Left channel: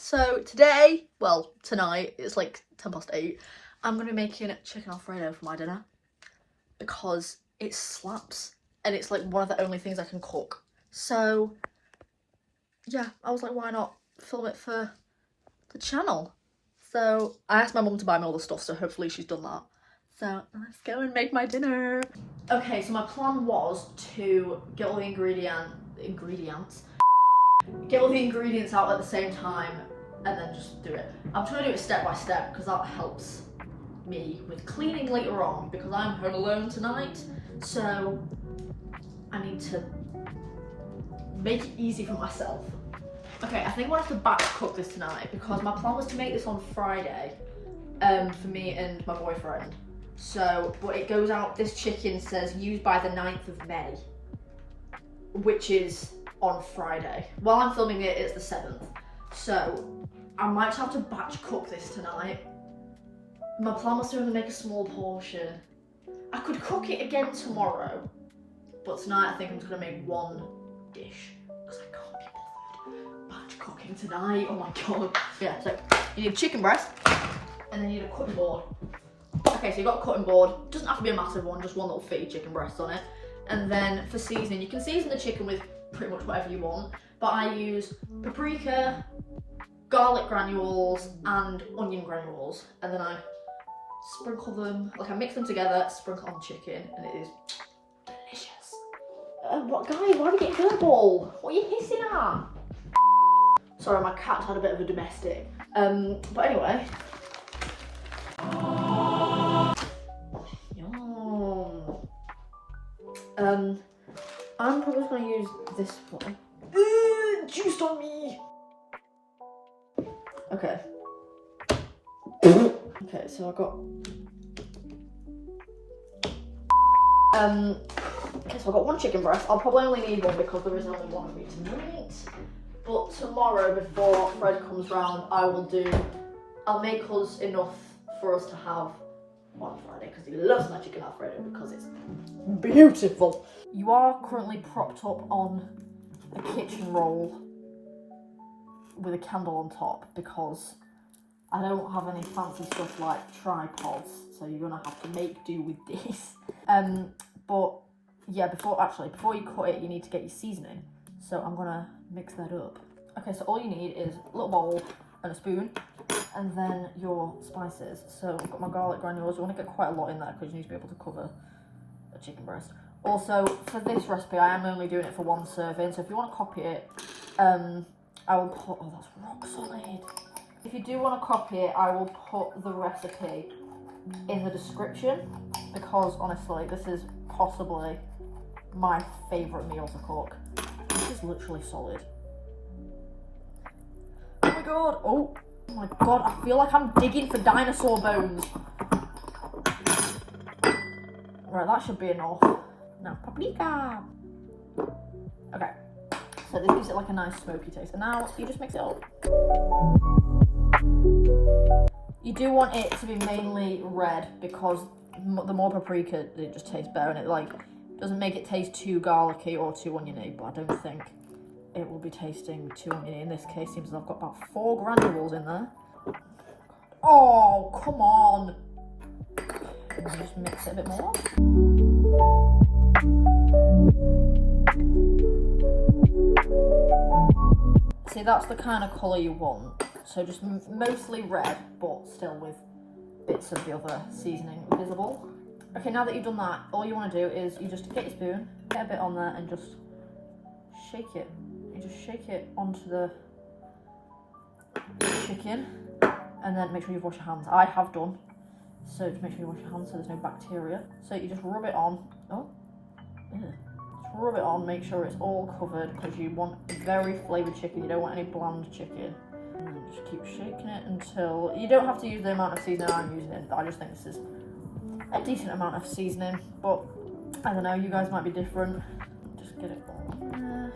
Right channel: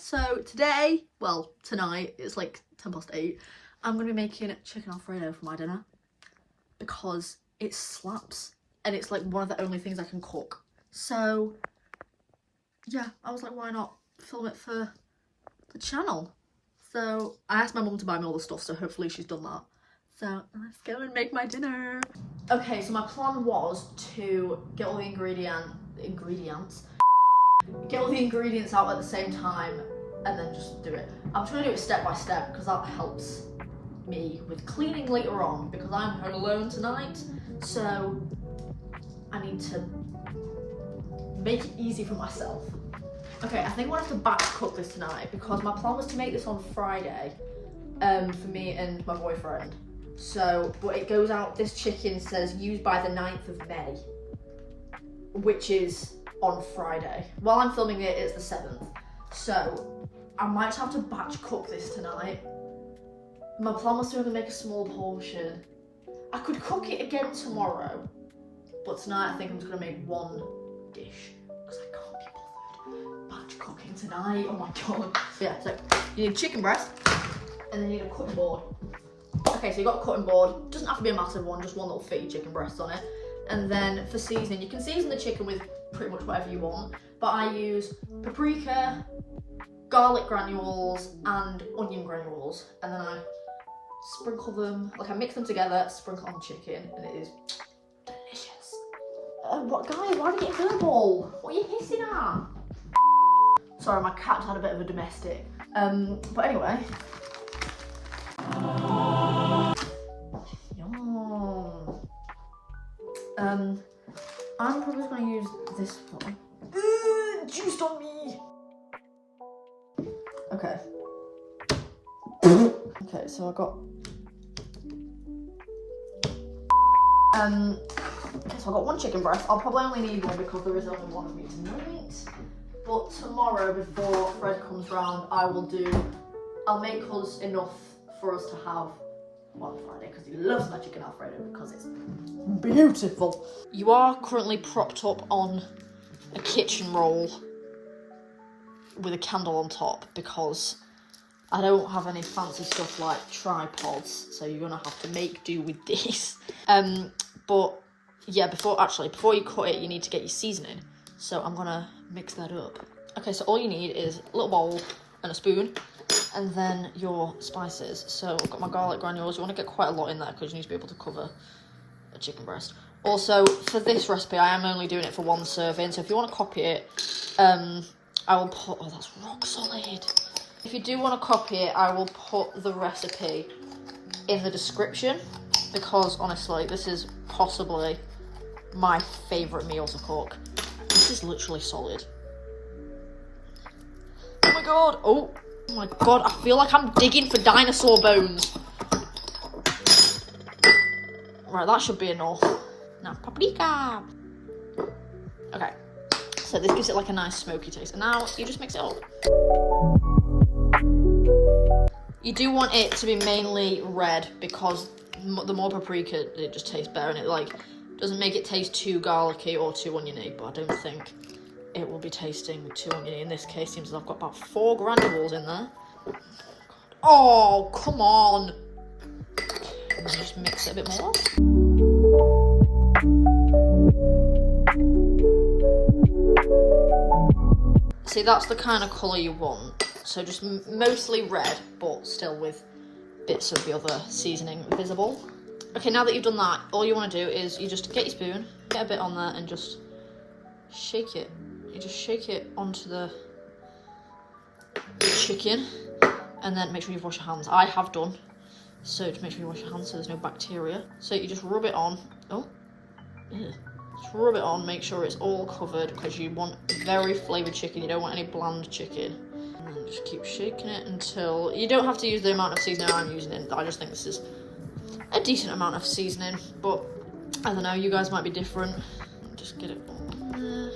So today, well tonight, it's like 8:10, I'm going to be making chicken Alfredo for my dinner because it slaps and it's like one of the only things I can cook. So yeah, I was like, why not film it for the channel? So I asked my mum to buy me all the stuff, so hopefully she's done that. So let's go and make my dinner. Okay, so my plan was to get all the ingredients out at the same time and then just do it. I'm trying to do it step by step because that helps me with cleaning later on because I'm home alone tonight, so I need to make it easy for myself. Okay, I think I'm gonna have to batch cook this tonight because my plan was to make this on Friday for me and my boyfriend. So, but it goes out, this chicken says used by the 9th of May, which is on Friday. While I'm filming it, it's the 7th. So, I might have to batch cook this tonight. My plan was to only make a small portion. I could cook it again tomorrow, but tonight I think I'm just gonna make one dish because I can't be bothered batch cooking tonight. Oh my god. Yeah, so you need chicken breast and then you need a cutting board. Okay, so you've got a cutting board. Doesn't have to be a massive one, just one little feed chicken breast on it. And then for seasoning, you can season the chicken with pretty much whatever you want, but I use paprika, garlic granules, and onion granules, and then I sprinkle them, like I mix them together, sprinkle on chicken, and it is delicious. What, guys, why are we getting verbal? What are you hissing at? Sorry, my cat had a bit of a domestic. But anyway. Yum. I'm probably just gonna use this one. Juiced on me! Okay. Okay, so I got... okay, so I got one chicken breast. I'll probably only need one because there is only one of me tonight. But tomorrow, before Fred comes round, I'll make us enough for us to have on Friday because he loves my chicken Alfredo because it's beautiful. You are currently propped up on a kitchen roll with a candle on top because I don't have any fancy stuff like tripods, so you're gonna have to make do with this. But yeah, before you cut it, you need to get your seasoning. So I'm gonna mix that up. Okay, so all you need is a little bowl and a spoon, and then your spices. So I've got my garlic granules. You want to get quite a lot in there because you need to be able to cover a chicken breast. Also, for this recipe, I am only doing it for one serving. So if you want to copy it, I will put. Oh, that's rock solid. If you do want to copy it, I will put the recipe in the description because honestly, this is possibly my favourite meal to cook. This is literally solid. Oh my god! Oh my god! I feel like I'm digging for dinosaur bones. Right, that should be enough. Now, paprika. Okay, so this gives it like a nice smoky taste, and now you just mix it up. You do want it to be mainly red because the more paprika, it just tastes better, and it like doesn't make it taste too garlicky or too oniony. But I don't think it will be tasting too oniony in this case. Seems like I've got about 4 granules in there. Oh, come on! And then just mix it a bit more. See, that's the kind of colour you want. So just mostly red, but still with bits of the other seasoning visible. Okay, now that you've done that, all you want to do is you just get your spoon, get a bit on there, and just shake it. You just shake it onto the chicken, and then make sure you wash your hands. I have done. So just make sure you wash your hands so there's no bacteria. So you just rub it on. Oh, yeah. Just rub it on, make sure it's all covered because you want very flavoured chicken. You don't want any bland chicken. And then just keep shaking it until... You don't have to use the amount of seasoning I'm using it. I just think this is a decent amount of seasoning. But, I don't know, you guys might be different. Just get it all in there.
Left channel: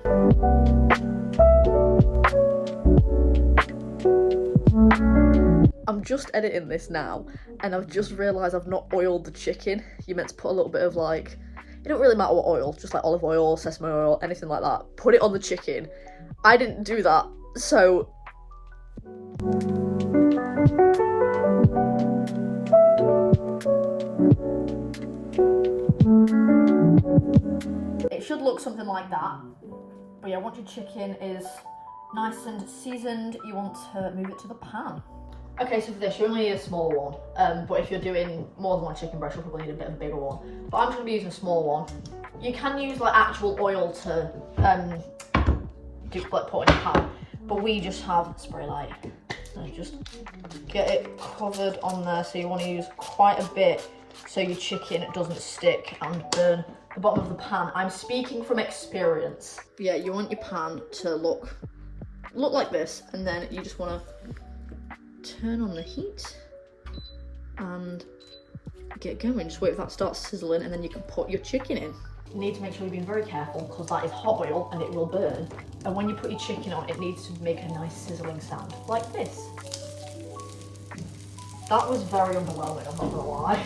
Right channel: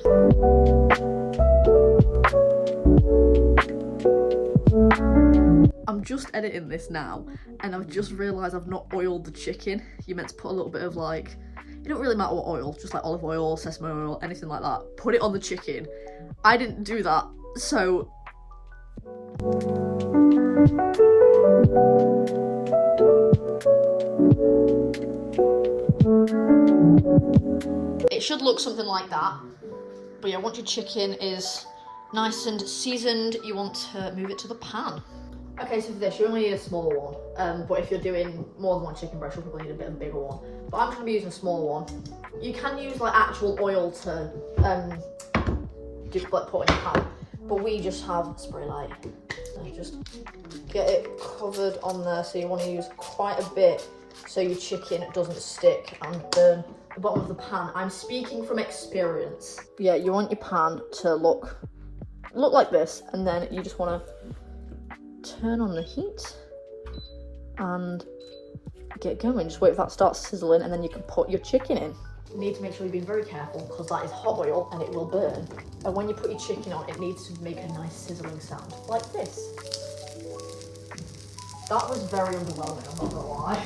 I'm just editing this now, and I've just realised I've not oiled the chicken. You're meant to put a little bit of like... It don't really matter what oil, just like olive oil, sesame oil, anything like that. Put it on the chicken. I didn't do that, so It should look something like that. But yeah, once your chicken is nice and seasoned, you want to move it to the pan. Okay, so for this, you only need a small one. But if you're doing more than one chicken breast, you'll probably need a bit of a bigger one. But I'm just gonna be using a small one. You can use like actual oil to put in a pan, but we just have spray light. So just get it covered on there. So you want to use quite a bit so your chicken doesn't stick and burn the bottom of the pan. I'm speaking from experience. Yeah, you want your pan to look like this, and then you just want to turn on the heat and get going. Just wait for that to start sizzling, and then you can put your chicken in. You need to make sure you're being very careful because that is hot oil and it will burn. And when you put your chicken on, it needs to make a nice sizzling sound, like this. That was very underwhelming, I'm not gonna lie.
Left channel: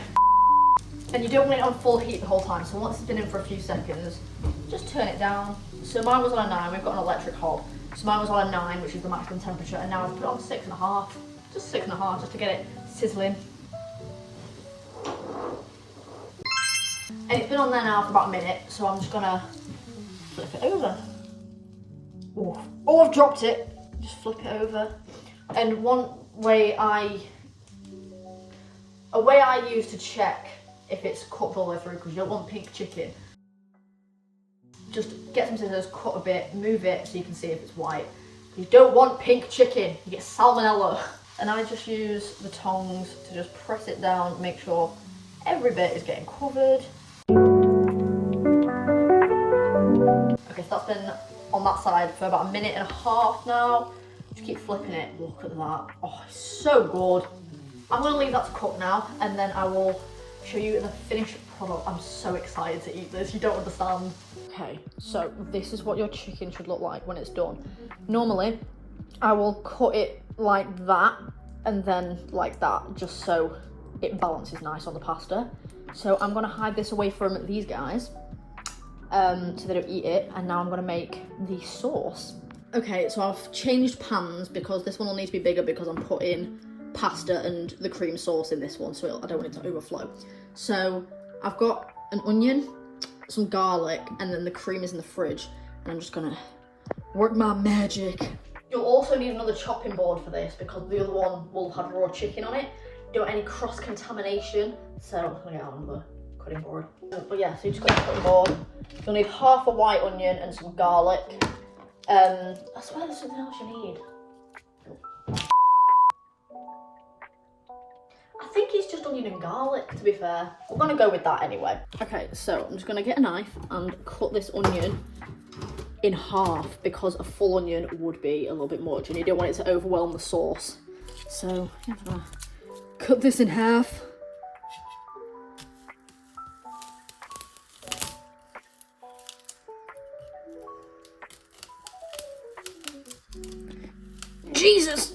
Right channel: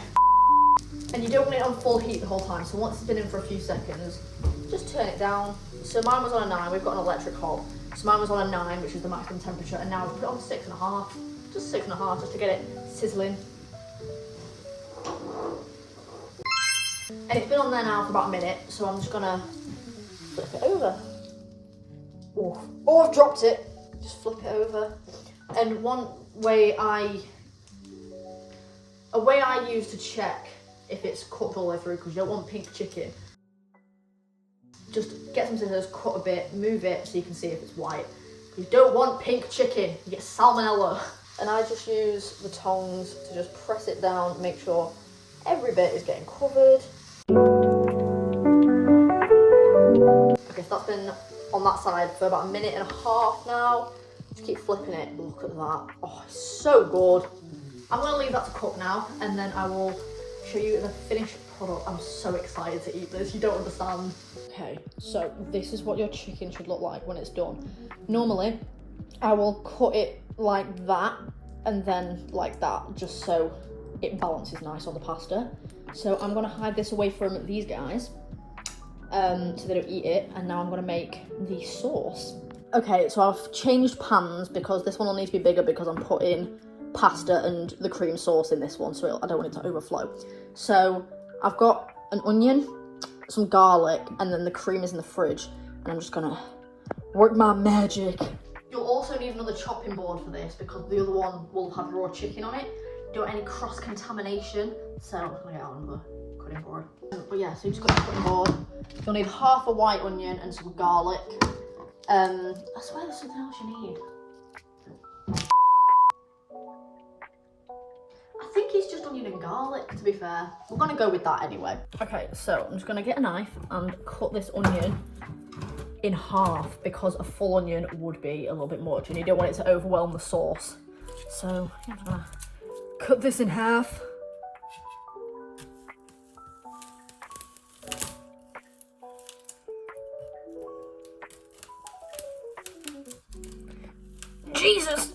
And you don't want it on full heat the whole time, so once it's been in for a few seconds, just turn it down. So mine was on a 9, we've got an electric hob. So mine was on a 9, which is the maximum temperature, and now I've put it on 6.5. Just 6.5, just to get it sizzling. And it's been on there now for about a minute, so I'm just gonna flip it over. Oh, I've dropped it. Just flip it over. And a way I use to check if it's cooked all the way through, because you don't want pink chicken. Just get some scissors, cut a bit, move it so you can see if it's white. You don't want pink chicken, you get salmonella. And I just use the tongs to just press it down, make sure every bit is getting covered. Okay, so that's been on that side for about 1.5 minutes now. Just keep flipping it. Look at that. Oh, it's so good. I'm going to leave that to cook now, and then I will show you the finished product. I'm so excited to eat this. You don't understand. Okay, so this is what your chicken should look like when it's done. Normally, I will cut it like that and then like that, just so it balances nice on the pasta. So I'm gonna hide this away from these guys so they don't eat it, and now I'm gonna make the sauce. Okay, so I've changed pans because this one will need to be bigger because I'm putting pasta and the cream sauce in this one, so I don't want it to overflow. So I've got an onion, some garlic, and then the cream is in the fridge, and I'm just gonna work my magic. You'll also need another chopping board for this because the other one will have raw chicken on it. Don't want any cross-contamination, so I'm gonna get out another cutting board. But yeah, so you just got your cutting board. You'll need half a white onion and some garlic. I swear there's something else you need. I think it's just onion and garlic, to be fair. We're gonna go with that anyway. Okay, so I'm just gonna get a knife and cut this onion in half because a full onion would be a little bit much and you don't want it to overwhelm the sauce. So I'm gonna cut this in half. Jesus!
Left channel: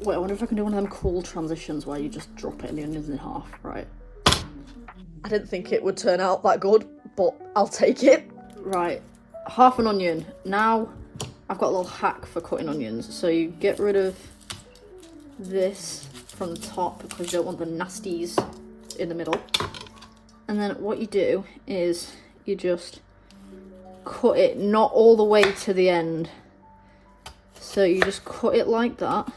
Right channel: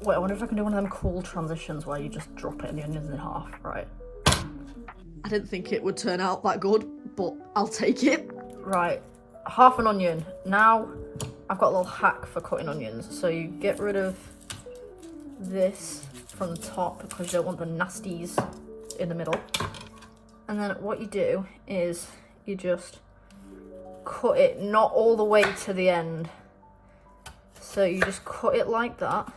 Wait, I wonder if I can do one of them cool transitions where you just drop it and the onion's in half, right? I didn't think it would turn out that good, but I'll take it. Right, half an onion. Now, I've got a little hack for cutting onions. So you get rid of this from the top because you don't want the nasties in the middle. And then what you do is you just cut it not all the way to the end. So you just cut it like that.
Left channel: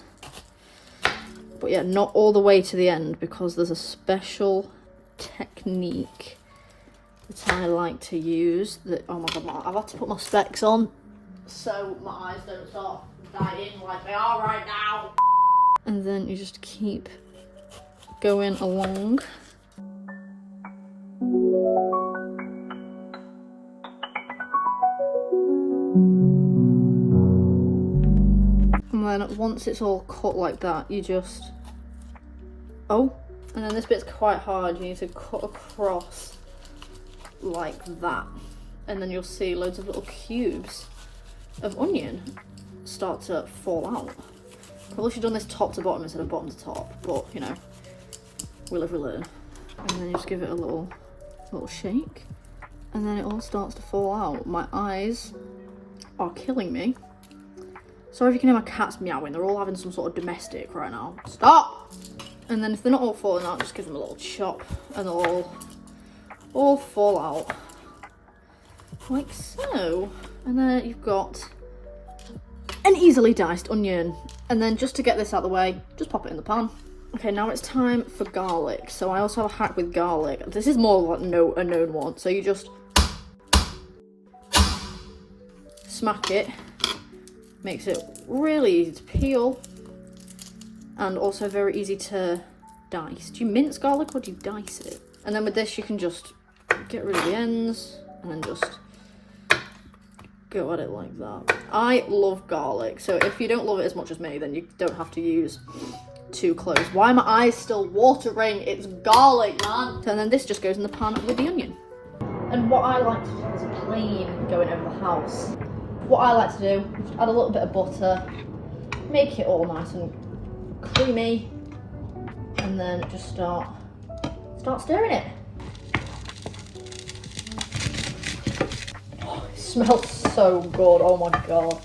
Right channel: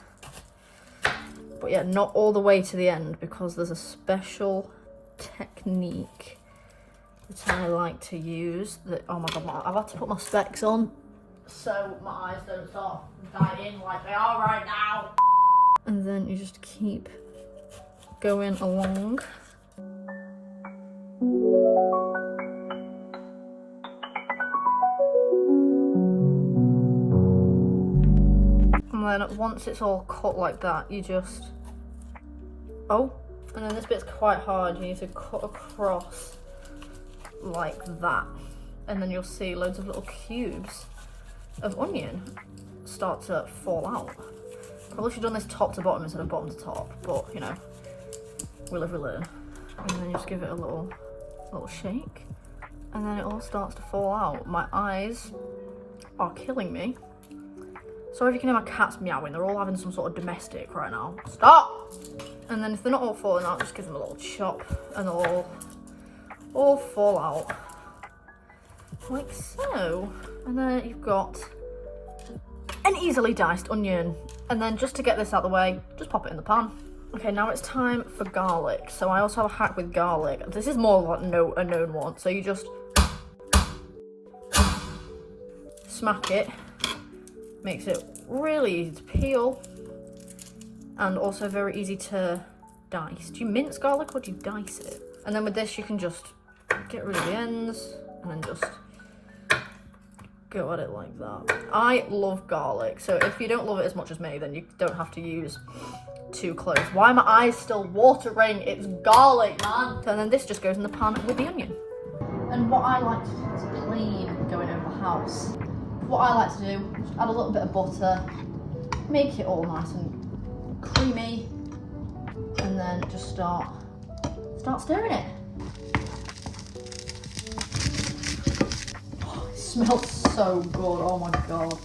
But yeah, not all the way to the end because there's a special technique that I like to use that, oh my god, I've had to put my specs on so my eyes don't start dying like they are right now. And then you just keep going along. And then once it's all cut like that, you just, and then this bit's quite hard, you need to cut across like that. And then you'll see loads of little cubes of onion start to fall out. Probably should have done this top to bottom instead of bottom to top, but you know, we live, we learn. And then you just give it a little shake, and then it all starts to fall out. My eyes are killing me. Sorry if you can hear my cats meowing, they're all having some sort of domestic right now. Stop! And then if they're not all falling out, just give them a little chop and they'll all fall out. Like so. And then you've got an easily diced onion. And then just to get this out of the way, just pop it in the pan. Okay, now it's time for garlic. So I also have a hack with garlic. This is more like a known one. So you just smack it. Makes it really easy to peel and also very easy to dice. Do you mince garlic or do you dice it? And then with this you can just get rid of the ends and then just go at it like that. I love garlic, so if you don't love it as much as me, then you don't have to use 2 cloves. Why are my eyes still watering? It's garlic, man. So then this just goes in the pan with the onion. And what I like to do is a plain going over the house. What I like to do is add a little bit of butter, make it all nice and creamy, and then just start stirring it. Oh, it smells so good, oh my god.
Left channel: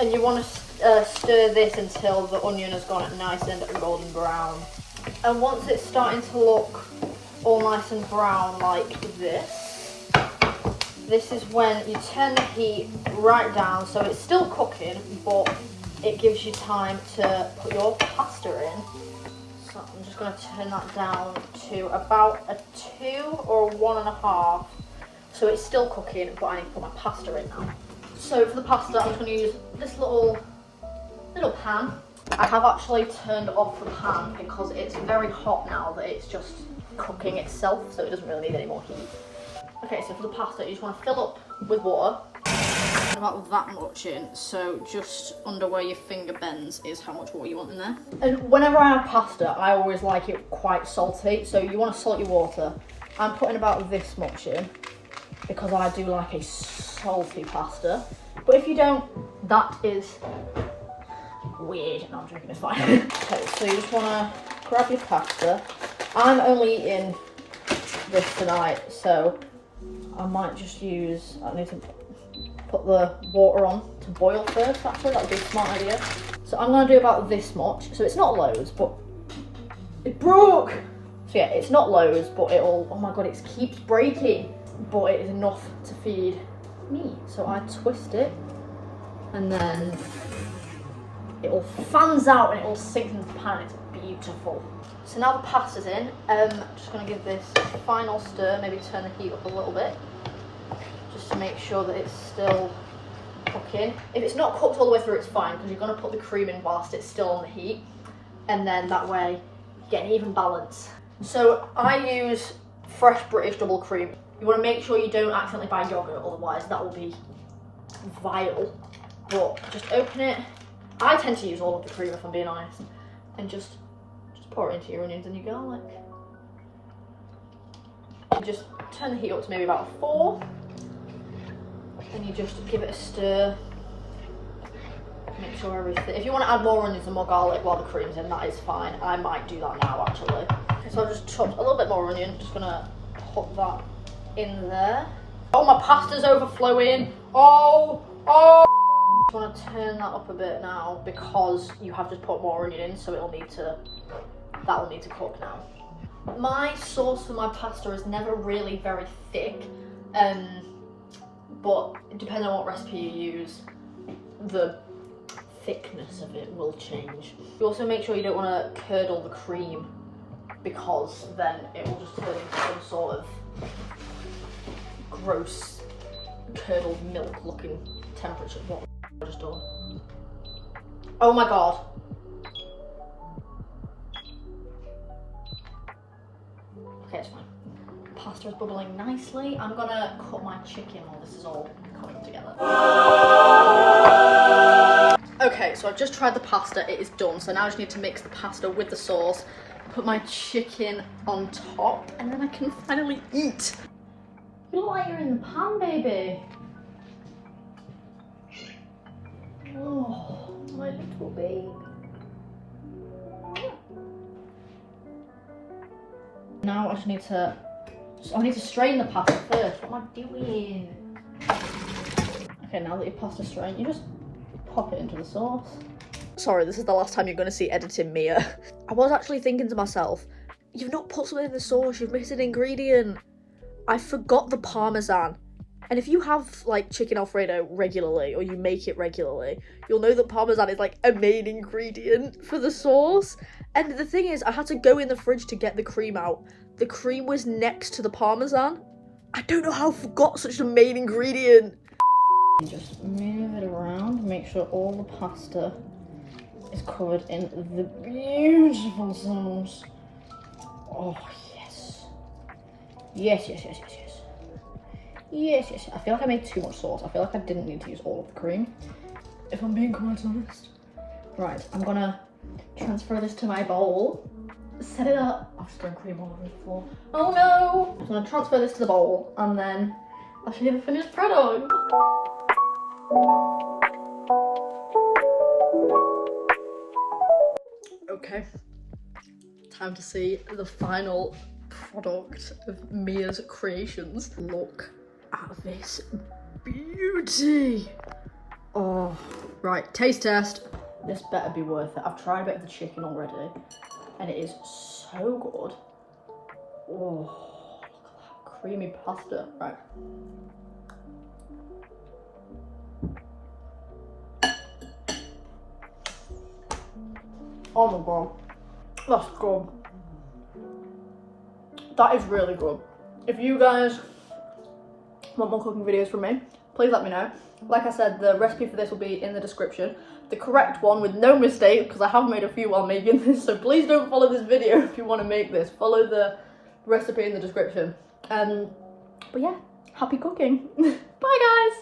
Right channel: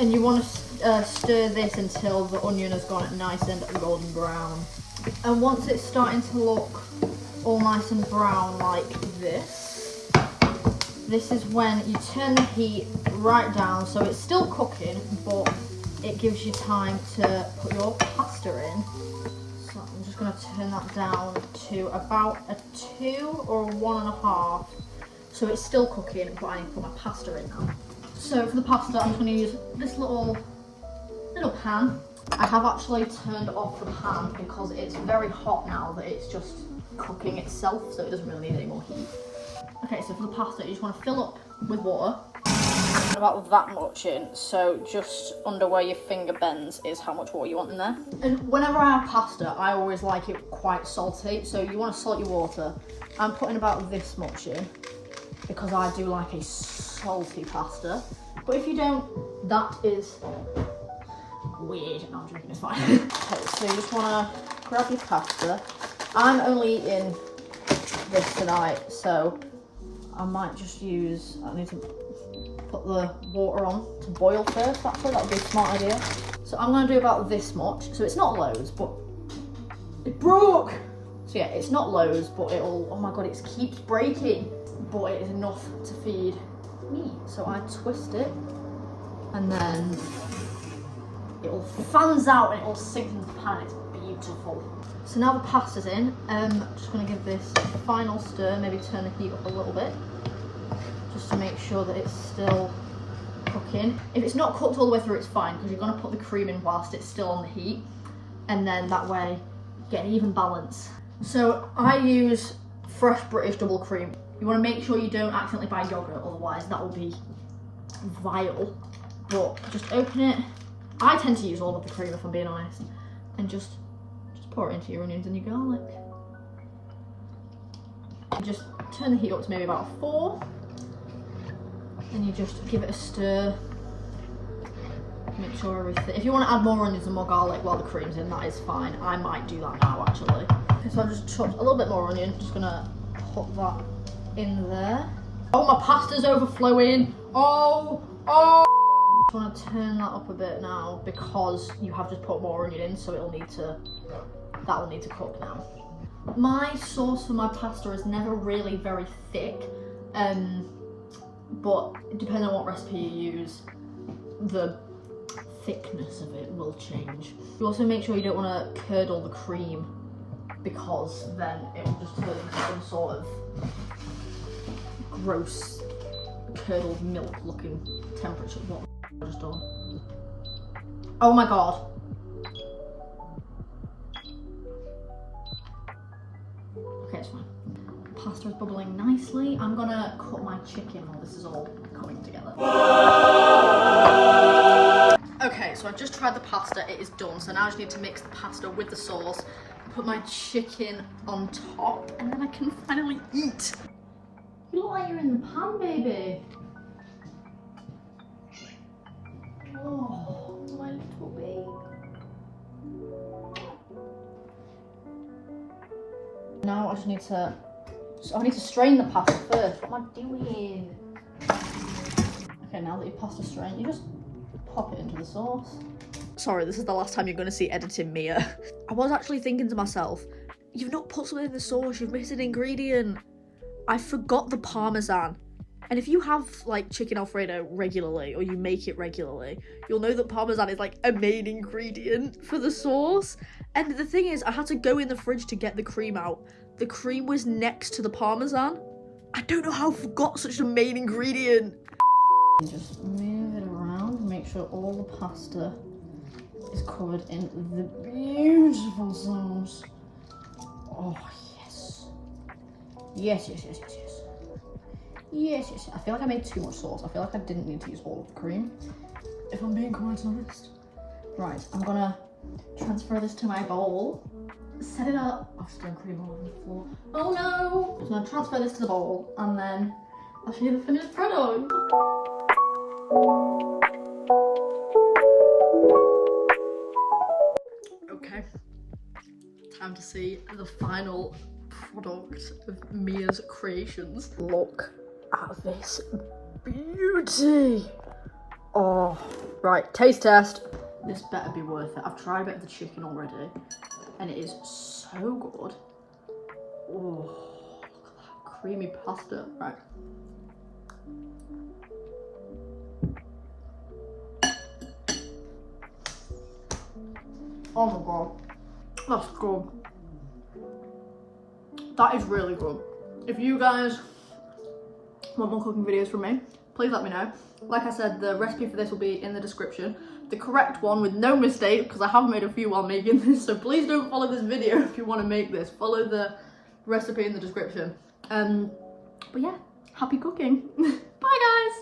And you want to stir this until the onion has gone nice and golden brown. And once it's starting to look all nice and brown like this is when you turn the heat right down, so it's still cooking, but it gives you time to put your pasta in. So I'm just going to turn that down to about a 2 or a 1.5. So it's still cooking, but I need to put my pasta in now. So for the pasta, I'm going to use this little pan. I have actually turned off the pan because it's very hot now that it's just cooking itself, so it doesn't really need any more heat. Okay, so for the pasta, you just want to fill up with water. About that much in, so just under where your finger bends is how much water you want in there. And whenever I have pasta, I always like it quite salty, so you want to salt your water. I'm putting about this much in because I do like a salty pasta. But if you don't, that is weird. No, I'm joking, it's fine. Okay, so you just want to grab your pasta. I'm only eating this tonight, so I might just use, I need to put the water on to boil first, actually, that would be a smart idea. So I'm going to do about this much, so it's not loads, but it broke! So yeah, it's not loads, but it'll, oh my god, it keeps breaking, but it is enough to feed me. So I twist it, and then it all fans out and it all sinks into the pan, it's beautiful. So now the pasta's in, I'm just going to give this a final stir, maybe turn the heat up a little bit, just to make sure that it's still cooking. If it's not cooked all the way through, it's fine, because you're going to put the cream in whilst it's still on the heat, and then that way you get an even balance. So I use fresh British double cream. You want to make sure you don't accidentally buy yogurt, otherwise that will be vile. But just open it. I tend to use all of the cream if I'm being honest, and just pour it into your onions and your garlic. You just turn the heat up to maybe about 4, and you just give it a stir. Make sure everything. If you want to add more onions and more garlic while the cream's in, that is fine. I might do that now actually. Okay, so I've just chopped a little bit more onion. Just gonna put that in there. Oh, my pasta's overflowing. Oh. I want to turn that up a bit now because you have to put more onion in, so that will need to cook now. My sauce for my pasta is never really very thick, but depending on what recipe you use, the thickness of it will change. You also make sure you don't want to curdle the cream, because then it will just turn into some sort of gross curdled milk looking temperature. What I just done? Oh my god. Okay, it's fine. Pasta is bubbling nicely. I'm gonna cut my chicken while this is all coming together. Okay, so I've just tried the pasta, it is done. So now I just need to mix the pasta with the sauce, put my chicken on top, and then I can finally eat. You look like you're in the pan, baby. Oh, my little baby. Now I just need to strain the pasta first. What am I doing? Okay, now that your pasta's strained, you just pop it into the sauce. Sorry, this is the last time you're going to see editing Mia. I was actually thinking to myself, you've not put something in the sauce, you've missed an ingredient. I forgot the parmesan. And if you have like chicken Alfredo regularly, or you make it regularly, you'll know that parmesan is like a main ingredient for the sauce. And the thing is, I had to go in the fridge to get the cream out. The cream was next to the parmesan. I don't know how I forgot such a main ingredient. Just move it around, make sure all the pasta is covered in the beautiful sauce. Oh, yes. Yes, yes, yes, yes, yes. Yes, yes. I feel like I made too much sauce. I feel like I didn't need to use all of the cream, if I'm being quite honest. Right, I'm gonna transfer this to my bowl. Set it up. I've thrown cream all over the floor. Oh no! I'm gonna transfer this to the bowl and then I'll show you the finished product. Okay, time to see the final product of Mia's creations. Look at this beauty. Oh, right, taste test. This better be worth it. I've tried a bit of the chicken already and it is so good. Oh, look at that creamy pasta. Right. Oh my god, that's good. That is really good. If you guys want more cooking videos from me, please let me know. Like I said, the recipe for this will be in the description. The correct one with no mistake, because I have made a few while making this, so please don't follow this video if you want to make this. Follow the recipe in the description. But yeah, happy cooking. Bye guys!